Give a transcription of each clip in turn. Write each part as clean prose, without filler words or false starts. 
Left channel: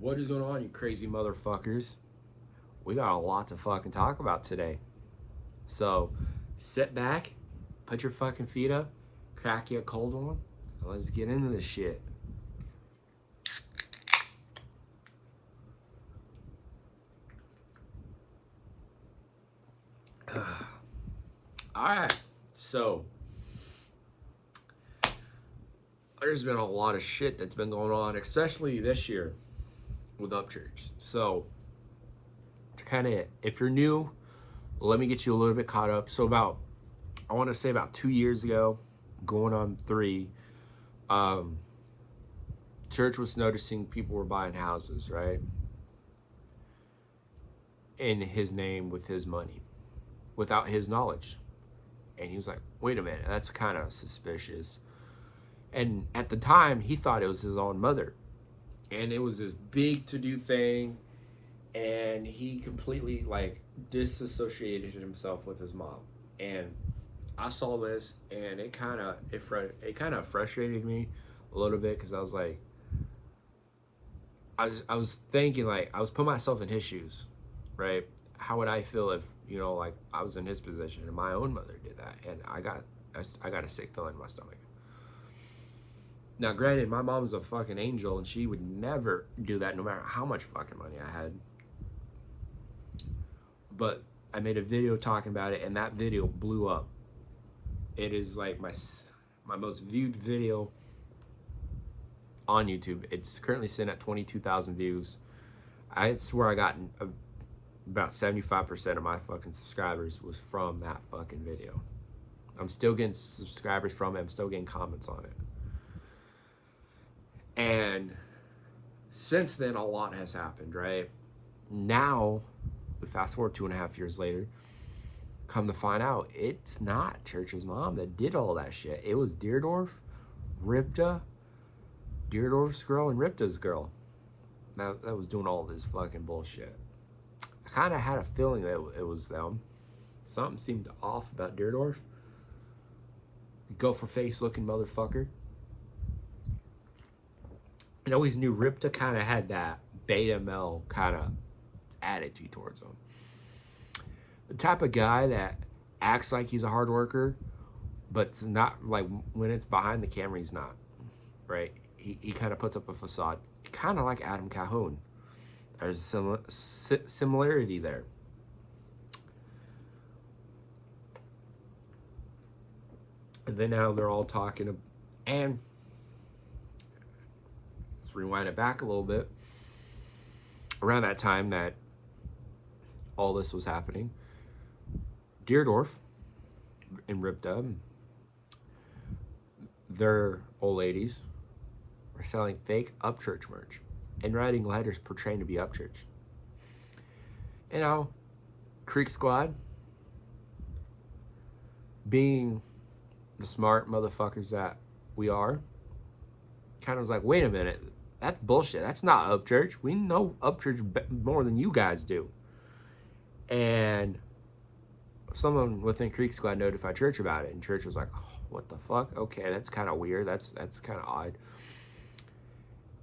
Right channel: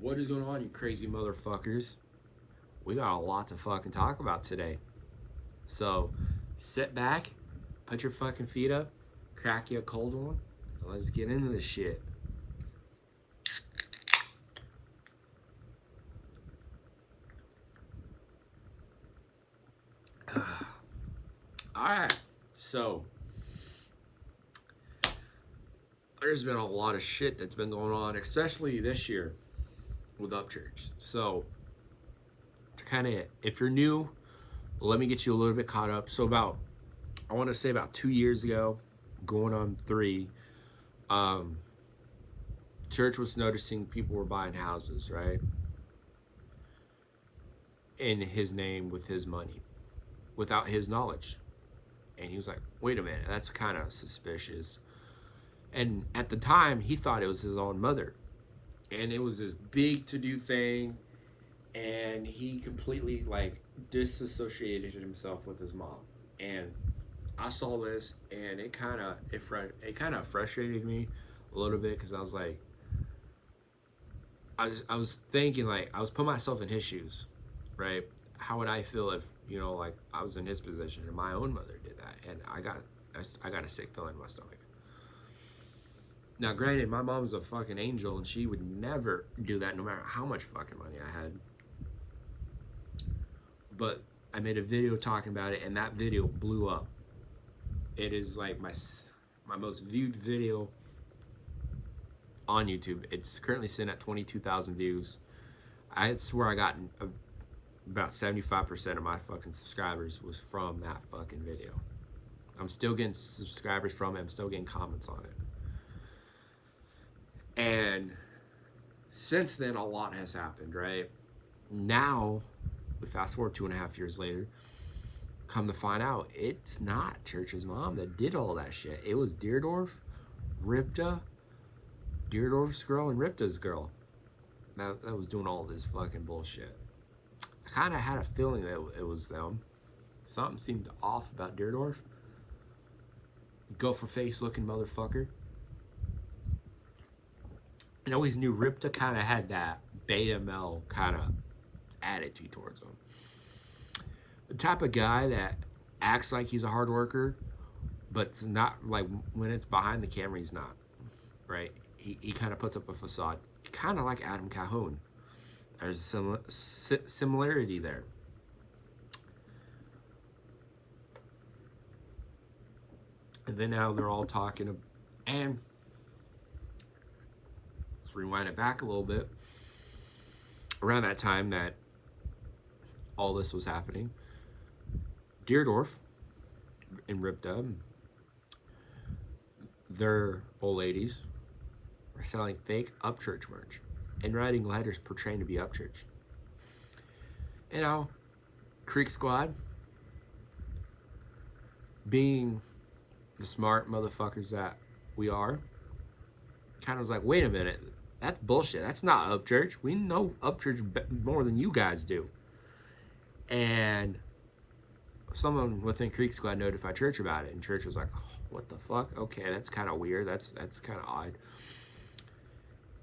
What is going on, you crazy motherfuckers? We got a lot to fucking talk about today. So, sit back, put your fucking feet up, crack you a cold one, and let's get into this shit. Alright, so there's been a lot of shit that's been going on, especially this year with Upchurch. So, to kind of, if you're new, let me get you a little bit caught up. So I want to say about 2 years ago, going on 3, church was noticing people were buying houses, right? In his name with his money, without his knowledge. And he was like, wait a minute, that's kind of suspicious. And at the time, he thought it was his own mother. And it was this big to-do thing. And he completely, disassociated himself with his mom. And I saw this, and it kind of frustrated me a little bit, because I was like, I was thinking, I was putting myself in his shoes, right? How would I feel if, I was in his position and my own mother did that, and I got a sick feeling in my stomach. Now, granted, my mom's a fucking angel, and she would never do that, no matter how much fucking money I had. But I made a video talking about it, and that video blew up. It is like my most viewed video on YouTube. It's currently sitting at 22,000 views. I swear I got about 75% of my fucking subscribers was from that fucking video. I'm still getting subscribers from it. I'm still getting comments on it. And since then, a lot has happened, right? Now, we fast forward 2.5 years later, come to find out, it's not Church's mom that did all that shit. It was Deardorff, Rypta, Deardorff's girl, and Rypta's girl that was doing all this fucking bullshit. I kind of had a feeling that it was them. Something seemed off about Deardorff. Gopher face looking motherfucker. I always knew Rypta kind of had that beta male kind of attitude towards him. The type of guy that acts like he's a hard worker, but it's not, like, when it's behind the camera, he's not, right? He kind of puts up a facade, kind of like Adam Calhoun. There's a similarity there. And then now they're all talking, and let's rewind it back a little bit. Around that time that all this was happening, Deardorff and Rypta, their old ladies, were selling fake Upchurch merch and writing letters portraying to be Upchurch. You know, Creek Squad, being the smart motherfuckers that we are, kind of was like, wait a minute, that's bullshit. That's not Upchurch. We know Upchurch more than you guys do. And someone within Creek Squad notified Church about it, and Church was like, oh, what the fuck? Okay, that's kind of weird. That's kind of odd.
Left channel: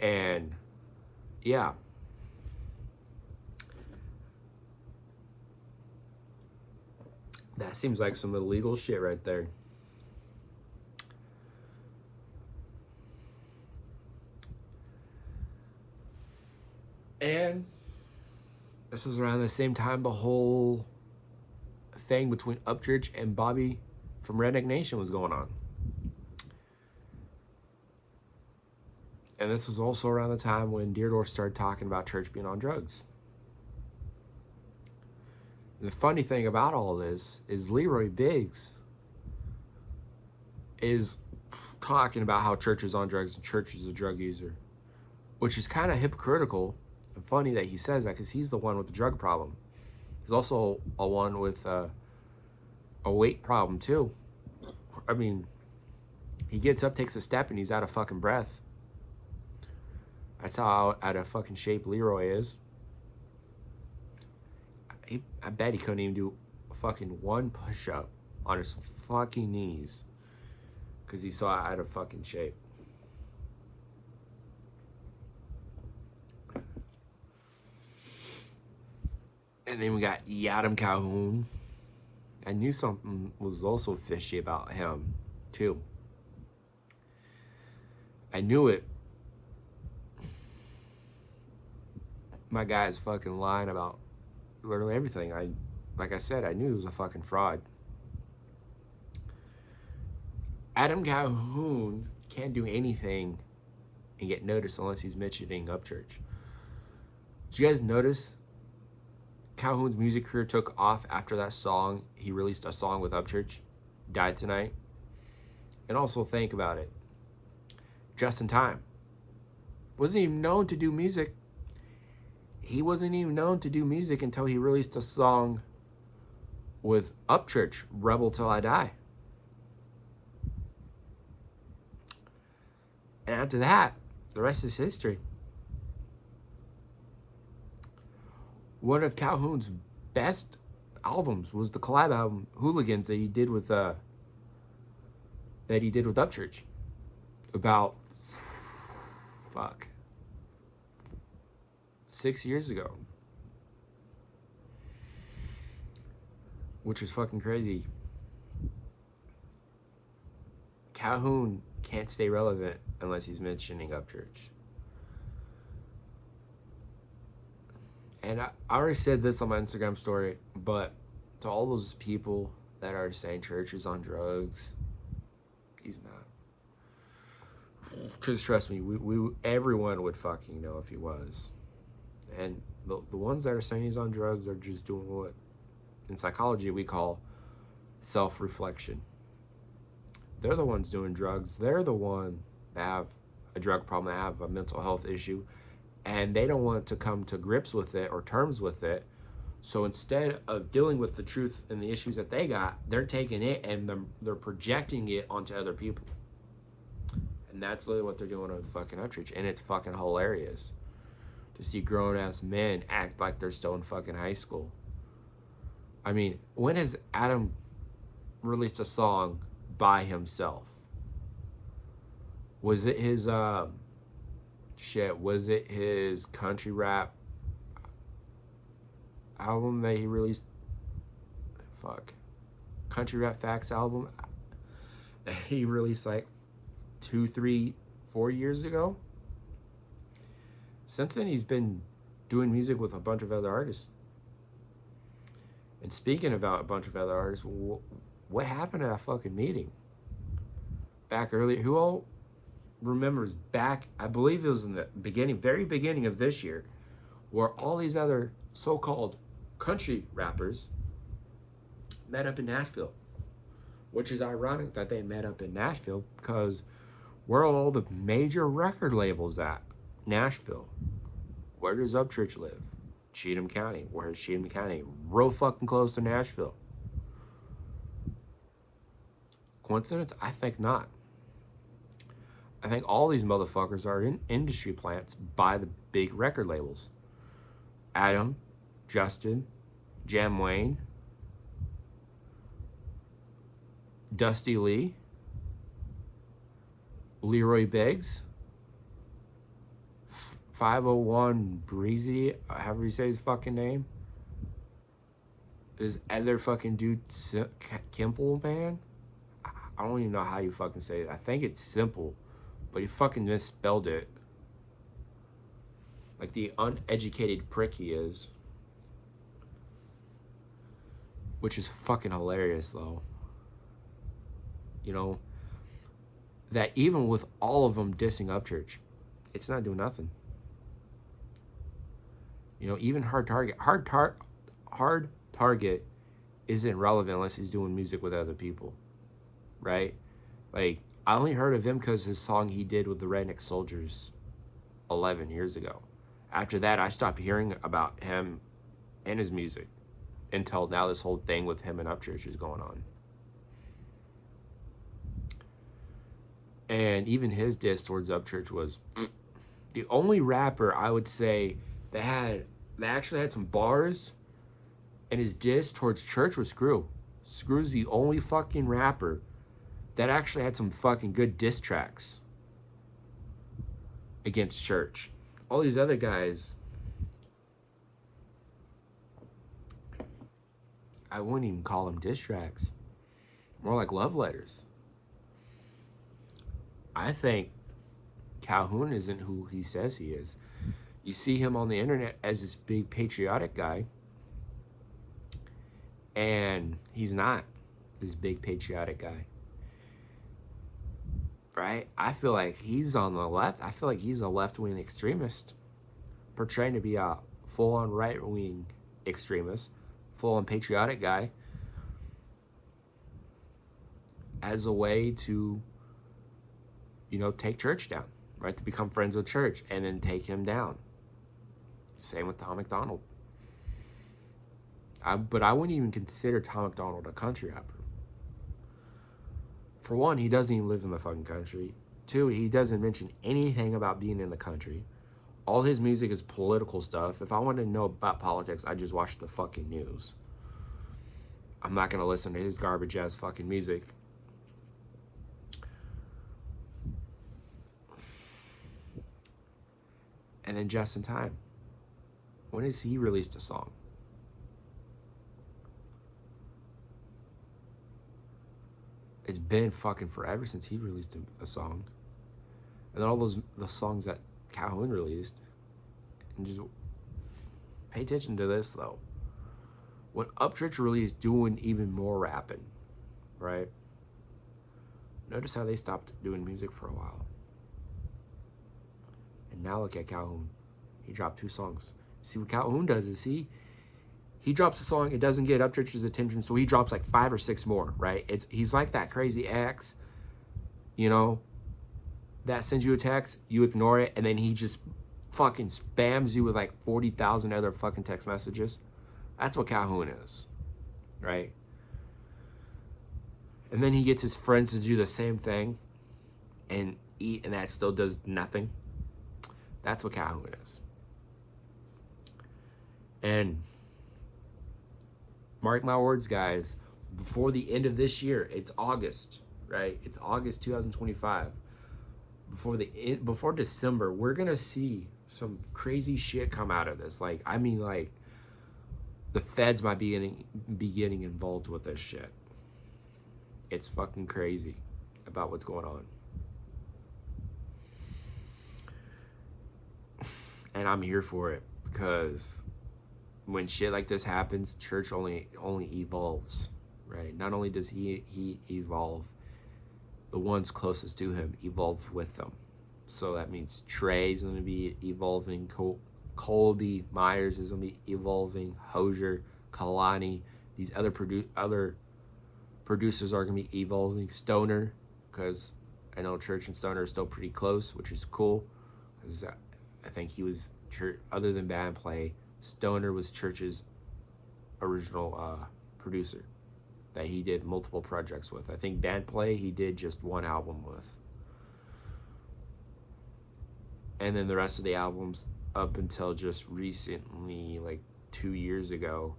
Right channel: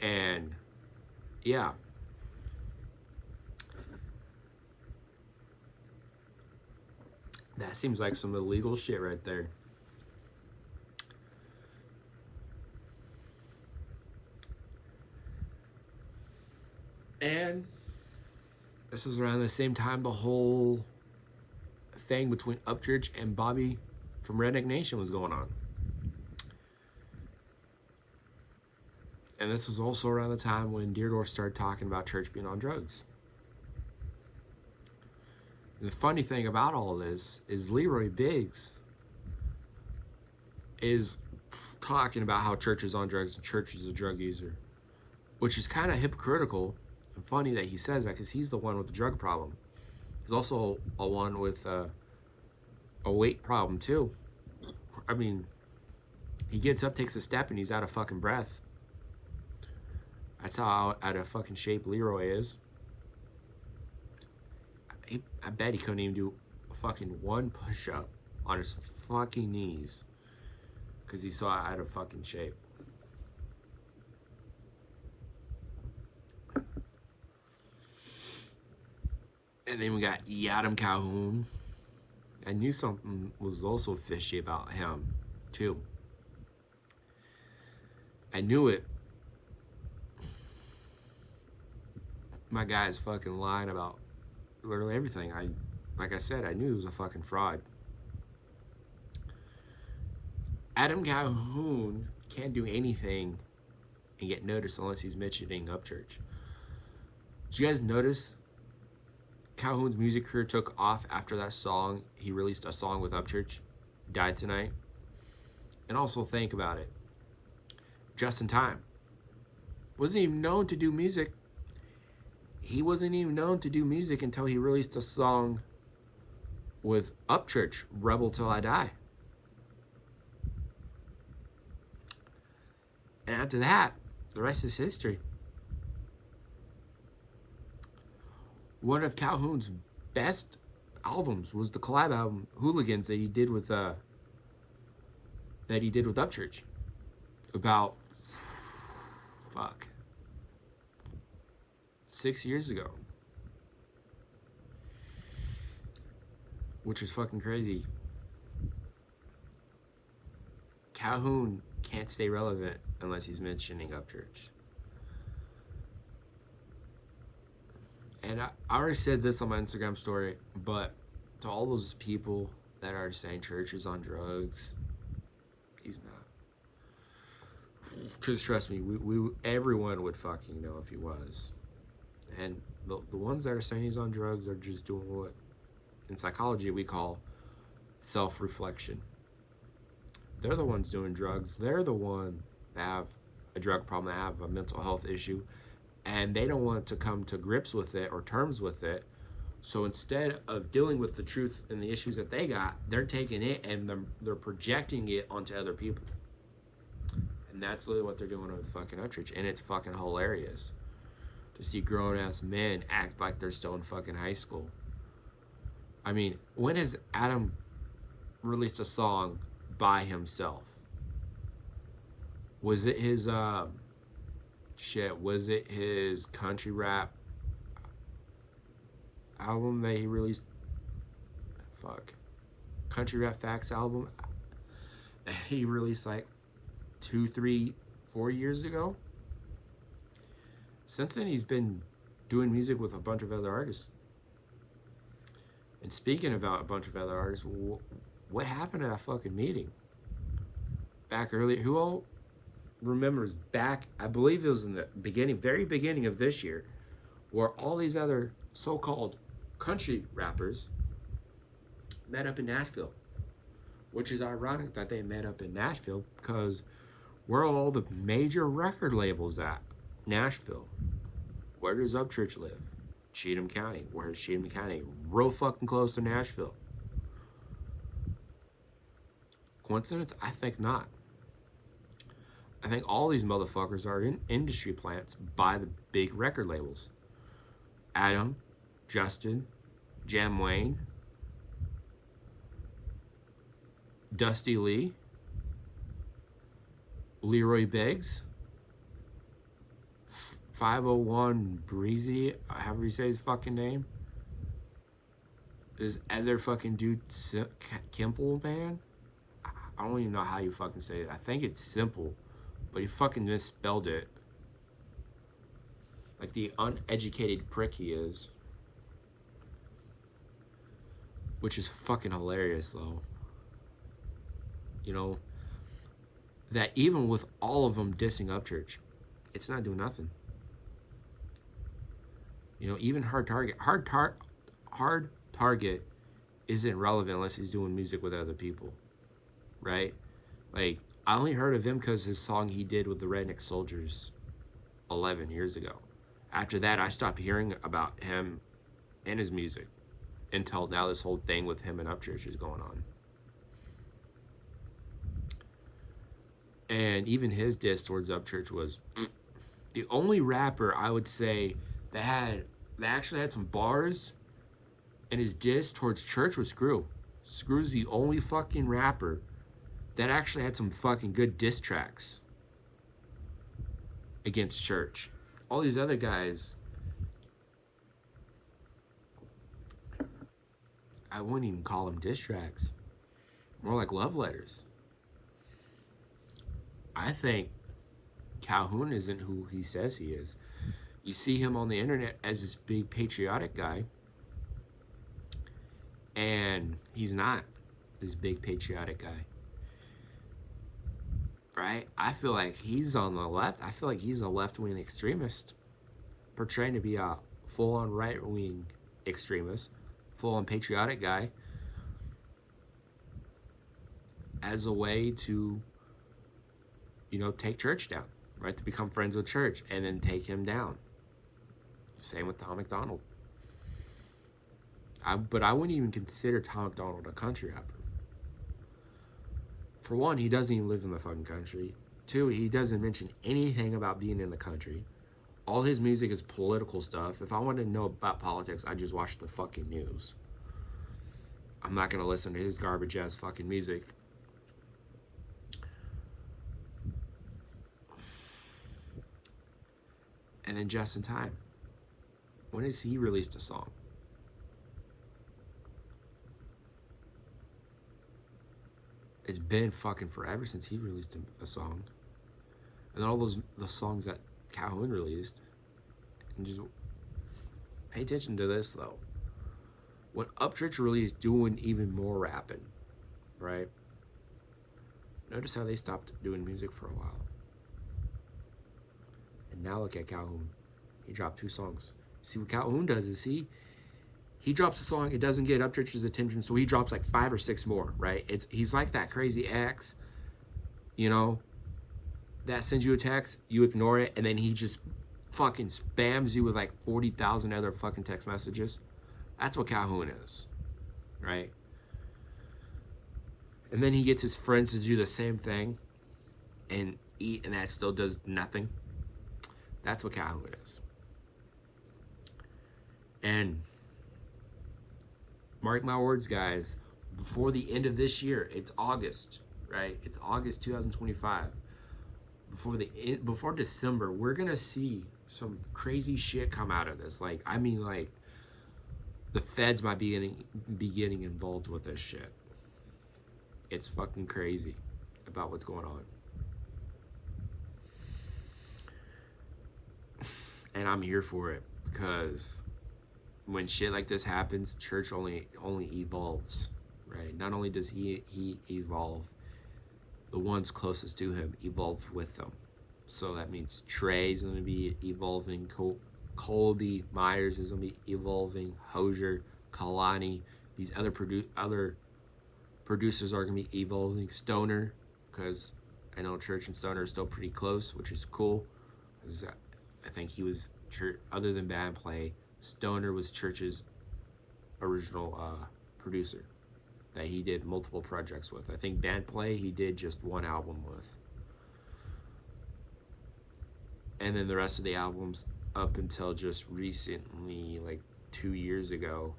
And yeah, that seems like some illegal shit right there. And this was around the same time the whole thing between Upchurch and Bobby from Redneck Nation was going on. And this was also around the time when Deardorff started talking about Church being on drugs. And the funny thing about all of this is Leroy Biggs is talking about how Church is on drugs and Church is a drug user, which is kind of hypocritical and funny that he says that, because he's the one with the drug problem. He's also a one with a weight problem too. I mean, he gets up, takes a step, and he's out of fucking breath. That's how out of fucking shape Leroy is. I bet he couldn't even do fucking one push-up on his fucking knees, because he's so out of fucking shape. And then we got Adam Calhoun. I knew something was also fishy about him, too. I knew it. My guy's fucking lying about literally everything. Like I said, I knew he was a fucking fraud. Adam Calhoun can't do anything and get noticed unless he's mentioning Upchurch. Did you guys notice Calhoun's music career took off after that song? He released a song with Upchurch, Died Tonight. And also think about it. Just in Time wasn't even known to do music. He wasn't even known to do music until he released a song with Upchurch, Rebel Till I Die. And after that, the rest is history. One of Calhoun's best albums was the collab album Hooligans that he did with Upchurch about 6 years ago, which is fucking crazy. Calhoun can't stay relevant unless he's mentioning Upchurch. And I already said this on my Instagram story, but to all those people that are saying Church is on drugs, he's not. Because trust me, everyone would fucking know if he was. And the ones that are saying he's on drugs are just doing what in psychology we call self-reflection. They're the ones doing drugs. They're the one that have a drug problem, that have a mental health issue, and they don't want to come to grips with it or terms with it. So instead of dealing with the truth and the issues that they got, they're taking it and they're projecting it onto other people. And that's literally what they're doing with fucking Upchurch. And it's fucking hilarious to see grown-ass men act like they're still in fucking high school. I mean, when has Adam released a song by himself? Was it his, was it his country rap album that he released? Country Rap Facts album that he released like 2, 3, 4 years ago? Since then, he's been doing music with a bunch of other artists. And speaking about a bunch of other artists, what happened at that fucking meeting back earlier? Who all remembers back, I believe it was in the very beginning of this year, where all these other so-called country rappers met up in Nashville. Which is ironic that they met up in Nashville, because where are all the major record labels at? Nashville. Where does Upchurch live? Cheatham County. Where's Cheatham County? Real fucking close to Nashville. Coincidence? I think not. I think all these motherfuckers are in industry plants by the big record labels. Adam, Justin, Jam Wayne, Dusty Lee, Leroy Biggs, 501 Breezy, however you say his fucking name. This other fucking dude, Kimple, man. I don't even know how you fucking say it. I think it's Simple, but he fucking misspelled it. Like the uneducated prick he is. Which is fucking hilarious, though. You know, that even with all of them dissing Upchurch, it's not doing nothing. You know, even Hard Target isn't relevant unless he's doing music with other people, right? Like, I only heard of him because his song he did with the Redneck Soldiers 11 years ago. After that, I stopped hearing about him and his music until now this whole thing with him and Upchurch is going on. And even his diss towards Upchurch was the only rapper I would say that actually had some bars, and his diss towards Church was Screw. Screw's the only fucking rapper that actually had some fucking good diss tracks against Church. All these other guys I wouldn't even call them diss tracks. More like love letters. I think Calhoun isn't who he says he is. You see him on the internet as this big patriotic guy, and he's not this big patriotic guy. Right? I feel like he's on the left. I feel like he's a left-wing extremist, portraying to be a full-on right-wing extremist, full-on patriotic guy, as a way to, take church down, right? To become friends with church and then take him down. Same with Tom MacDonald. But I wouldn't even consider Tom MacDonald a country rapper. For one, he doesn't even live in the fucking country. Two, he doesn't mention anything about being in the country. All his music is political stuff. If I wanted to know about politics, I just watch the fucking news. I'm not going to listen to his garbage ass fucking music. And then Just in Time. When has he released a song? It's been fucking forever since he released a song. And then all the songs that Calhoun released. And just pay attention to this though. When Upchurch released doing even more rapping, right? Notice how they stopped doing music for a while. And now look at Calhoun. He dropped 2 songs. See what Calhoun does is he drops a song, it doesn't get Upchurch's attention, so he drops like 5 or 6 more, right? He's like that crazy ex, that sends you a text, you ignore it, and then he just fucking spams you with like 40,000 other fucking text messages. That's what Calhoun is, right? And then he gets his friends to do the same thing and eat, and that still does nothing. That's what Calhoun is. And mark my words, guys, before the end of this year, it's August, right? It's August 2025. Before December, we're gonna see some crazy shit come out of this. Like, the feds might be getting involved with this shit. It's fucking crazy about what's going on. And I'm here for it, because when shit like this happens, church only evolves, right? Not only does he evolve, the ones closest to him evolve with them. So that means Trey's going to be evolving, Colby Myers is going to be evolving, Hosier, Kalani, these other producers are going to be evolving, Stoner, because I know Church and Stoner are still pretty close, which is cool, because I think he was, other than band play, Stoner was Church's original producer that he did multiple projects with. I think band play he did just 1 album with. And then the rest of the albums up until just recently, like 2 years ago,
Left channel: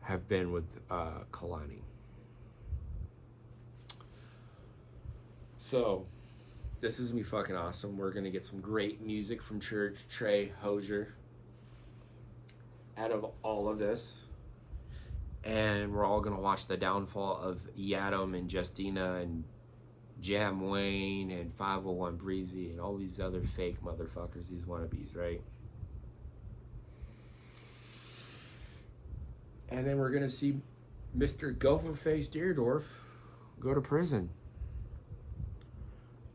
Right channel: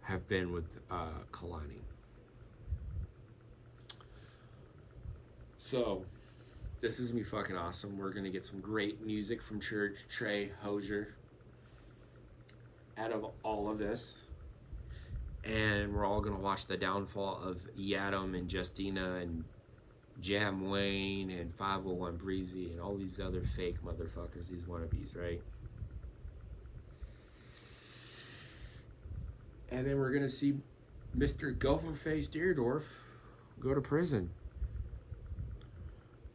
have been with Kalani. So this is gonna be fucking awesome. We're gonna get some great music from Church, Trey, Hosier, out of all of this. And we're all gonna watch the downfall of Yadam and Justina and Jam Wayne and 501 Breezy and all these other fake motherfuckers, these wannabes, right? And then we're gonna see Mr. Gopher-Faced Deardorff go to prison,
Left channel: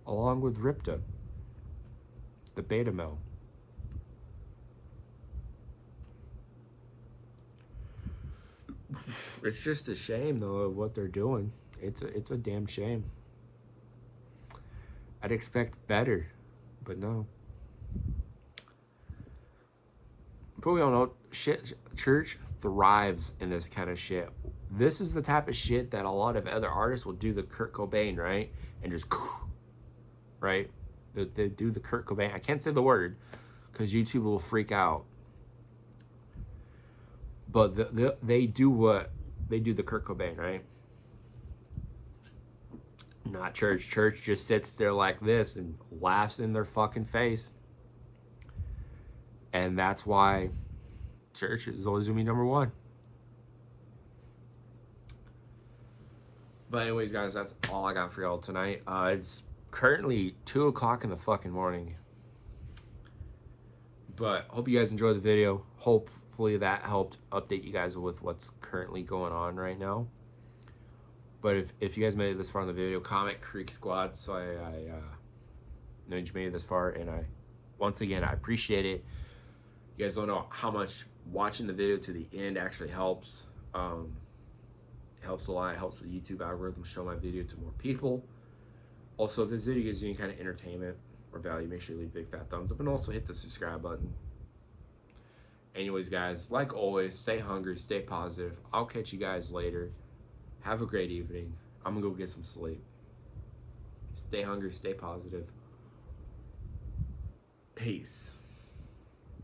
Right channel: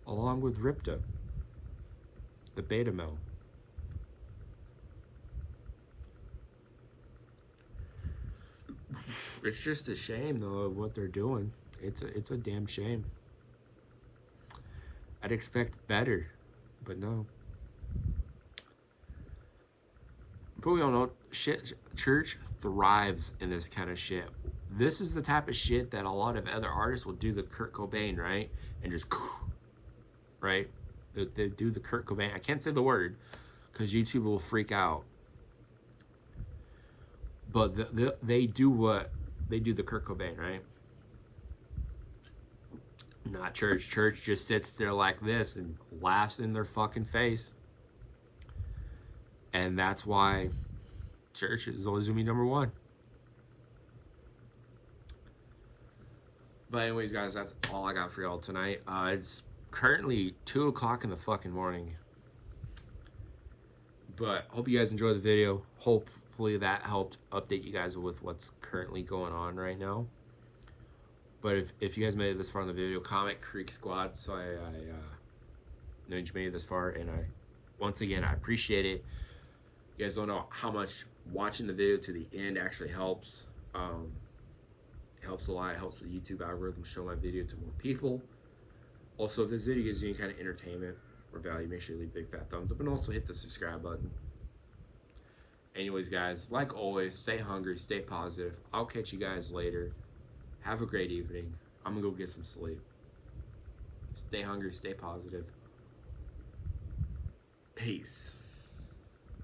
along with Rypta, the beta male. It's just a shame, though, of what they're doing. It's a damn shame. I'd expect better, but no. But we all know shit. Church thrives in this kind of shit. This is the type of shit that a lot of other artists will do the Kurt Cobain, right? And just, right? They do the Kurt Cobain. I can't say the word because YouTube will freak out. But they do what? They do the Kurt Cobain, right? Not Church. Church just sits there like this and laughs in their fucking face. And that's why Church is always going to be number 1. But anyways, guys, that's all I got for y'all tonight. It's currently 2 o'clock in the fucking morning. But hope you guys enjoyed the video. Hopefully that helped update you guys with what's currently going on right now. But if you guys made it this far in the video, comment Creek Squad. So I know you made it this far, and once again I appreciate it. You guys don't know how much watching the video to the end actually helps. It helps a lot. It helps the YouTube algorithm show my video to more people. Also, if this video gives you any kind of entertainment or value, make sure you leave a big fat thumbs up, and also hit the subscribe button. Anyways, guys, like always, stay hungry, stay positive. I'll catch you guys later. Have a great evening. I'm gonna go get some sleep. Stay hungry, stay positive. Peace.